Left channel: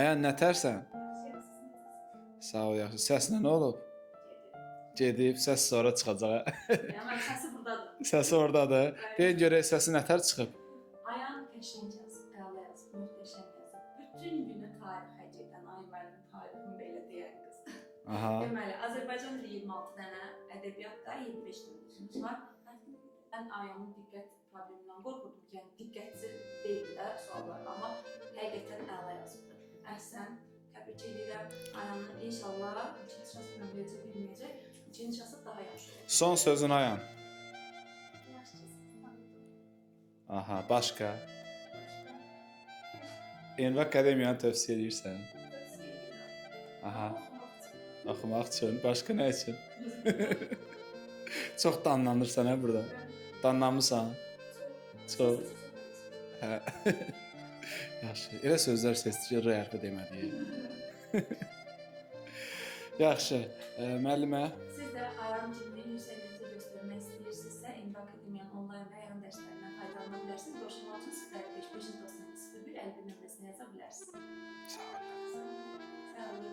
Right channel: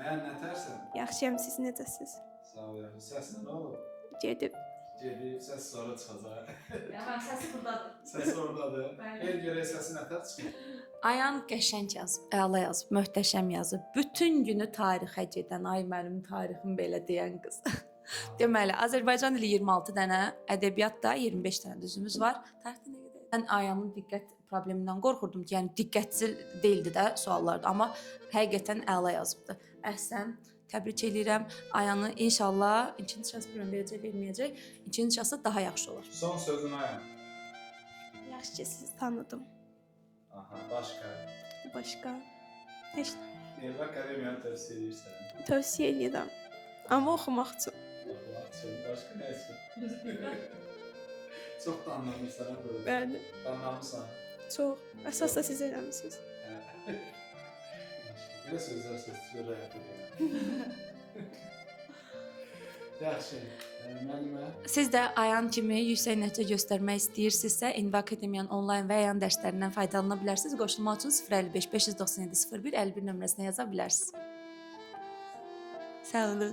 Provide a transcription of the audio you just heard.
Ayan nətərsən? Yaxşıyam, siz necəsiz? Sağ ol, yaxşı. Səsinə nə olub? Gedib. Gedib, səs sonra çıxacaq. Yəni səsi burdadır. Səsi ordadır. Deyin görək səsi nətər çıxıb? Ayan qəşəng yazıb, əla yazıb, möhtəşəm yazıb. Bütün günü tarixə gedən, ay mənim tarixim belə deyən qız. Aha. Deməli, Azərbaycan dili 26 dənə, ədəbiyyatda 25 dənə düzümüz var. Tarixdə nə qədər? Mən Ayanın diqqət problemindən qorxurdum ki, yəni diqqətsiz deyildi də suallarda, amma həqiqətən əla yazıbdı. Əhsən, təbrik edirəm Ayanı. İnşallah ikinci şans verəcək, verməyəcək. İkinci şansı daha yaxşı olar. Son sözün Ayan. Yaxşı ki, sizi tanıdım. Aha, başqa. Başqa heç Enva Akademiyanı tövsiyə edirsən. tövsiyə edirəm. Aha. Amma oxumaq üçün. Oxumaq üçün, başqa nə üçün? Çox danlanırsan hə burada. Bəli, Danlanmısan. çox. Əsasda siz eləmisiniz. Hə. Yaxşı. Elə sözlər seçdikcə rəyaqə deməli. Yaxşı. Müəllimə, Siz də Ayan kimi yüksək nəticə göstərmək istəyirsinizsə, Enva Akademiyanın onlayn və Ayan dərslərindən faydalana bilərsiniz. Qoşulmaq üçün 055 597 01 51 nömrəsinə yaza bilərsiniz. Sağ olun.